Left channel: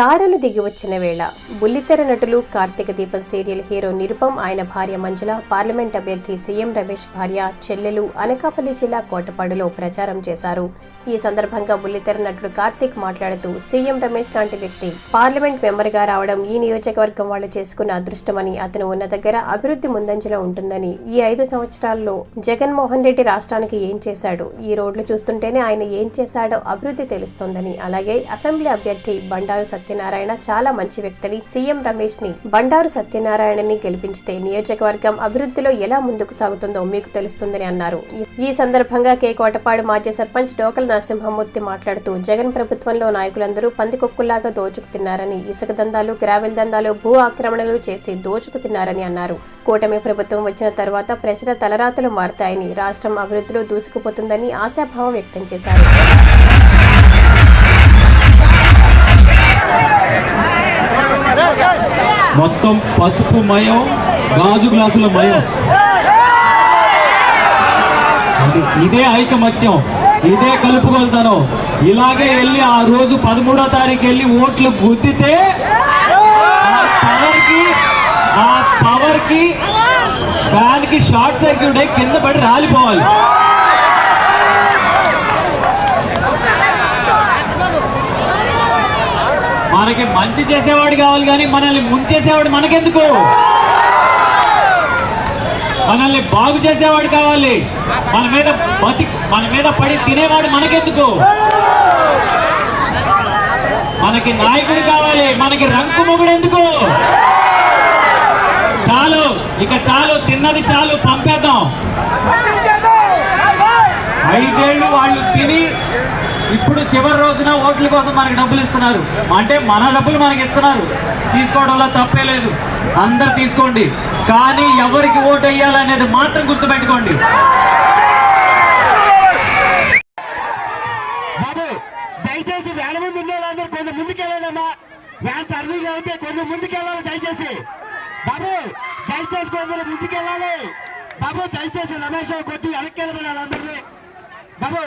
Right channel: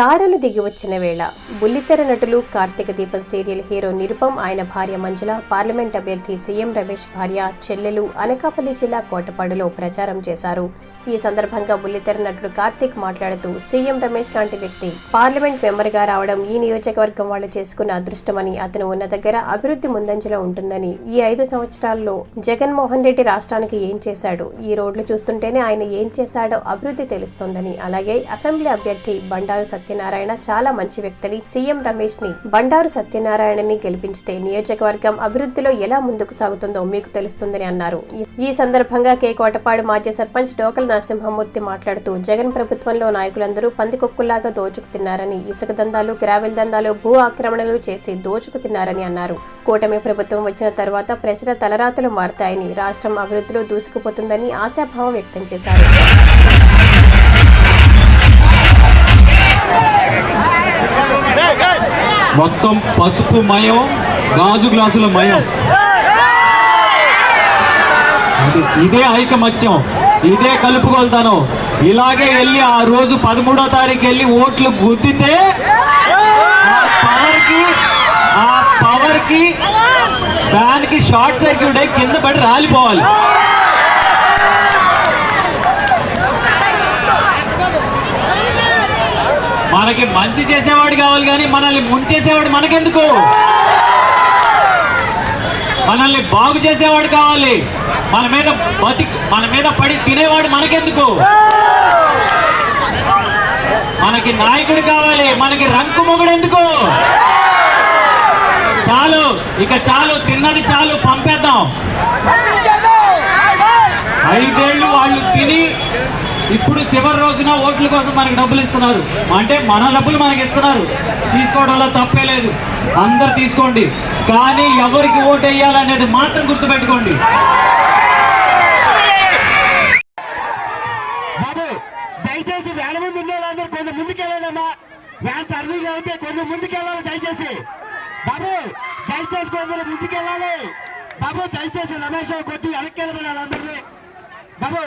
తారలు దిగి వచ్చిన వేళ బుల్లితెర నటులు కార్తీక దీపం సీరియల్ హీరో నిరుపమ్ ఆయన భార్య మంజుల పార్లమెంట్ అభ్యర్థి సీఎం రమేష్ భార్య చెల్లెలు అనకాపల్లి జిల్లా కోటపాడులో ప్రచారం చేశారు. ఈ సందర్భంగా బుల్లితెర నటుడు కార్తీక్ మాట్లాడుతూ సీఎం రమేష్ లాంటి వ్యక్తి పార్లమెంట్ మెంబర్ గా రావడం ఈ నియోజకవర్గం వాళ్ళు చేసుకున్న అదృష్టమని, అతను ఉన్న దగ్గర అభివృద్ధి ముందంజలో ఉంటుందని, ఈ 5 సంవత్సరాల్లో జగన్మోహన్ రెడ్డి రాష్ట్రానికి ఏం చేశాడు, ఈ రోడ్లు చూస్తుంటేనే ఆయన ఏం చేశాడో అభివృద్ధి తెలుస్తోందని, అలాగే అసెంబ్లీ అభ్యర్థి బండారు సత్యనారాయణ చాలా మంచి వ్యక్తిని, సీఎం రమేష్ ని బండారు సత్యనారాయణని గెలిపించితే నియోజకవర్గం అభివృద్ధిలో ఎలా ముందుకు సాగుతుందో మీకు తెలుస్తుందని అన్నారు. ఈ సందర్భంగా కోటపాడు మాజీ సర్పంచ్ డోకల నరసింహమూర్తి మాట్లాడుతూ జగన్ ప్రభుత్వంలో నాయకులందరూ పందికొక్కుల్లాగా దోచుకు తిన్నారని, ఇసుక దందాలు, గ్రావెల్ దందాలు, భూ ఆక్రమణలు చేసి దోచుకు తిన్నారని అన్నారు. కూటమి ప్రభుత్వం వచ్చిన తర్వాత ప్రజల తలరాతలు మారుతాయని, రాష్ట్రం అభివృద్ధిలో దూసుకుపోతుందని ఆశాభావం వ్యక్తం చేశారు. మొత్తం పసుపు మయం, గాజు గ్లాసుల మయం, ఇదే ఐకమత్యం, ఇదే కలుపుకొల్తాను. ఇలాగే వెళ్ళి ఆ రోజు 13వ తారీఖు వెళ్ళి ఓట్లు గుద్దితే ఆ పవర్ కి దానికి షార్ట్ సర్క్యూట్ అయి కింద పడి రాలిపోవాలి. మనకి మంచి చేసేవాడు కావాలి కానీ మనల్ని ముంచేసేవాడు మనకెందుకు? మనల్ని బాగు చేసేవాడు కావాలి. మన మీద పడి తినేవాడు మనకెందుకు? మనకి నాయకుడు కావాలి, మనకి రంకు మొగుడు ఎందుకు? చాలు, ఇక చాలు, తిన్నది చాలు, పంపేద్దాం. 5 ఏళ్ళు వాళ్ళు తిని ఇప్పుడు చివరి రోజున ఓట్ల కోసం మనకి డబ్బులు ఇస్తున్నారు. అంటే మన డబ్బులు మనకి ఇస్తున్నారు, తీసుకోవడంలో తప్పే లేదు, అందరు తీసుకోండి. కానీ ఎవరికి ఓటు వేయాలనేది మాత్రం గుర్తుపెట్టుకోండి. బాబు దయచేసి వేల మంది ఉన్న వాళ్ళందరూ కొంచెం ముందుకెళ్ళాలమ్మా. వ్యాన్ సర్వీస్ అయితే కొంచెం ముందుకెళ్ళాలి దయచేసి. బాబు దయచేసి కొంచెం ముందుకెళ్ళాలి. బాబు దయచేసి రమేష్ కొద్ది వెనక్కి వెళ్ళమని వాళ్ళందరినీ. బాబు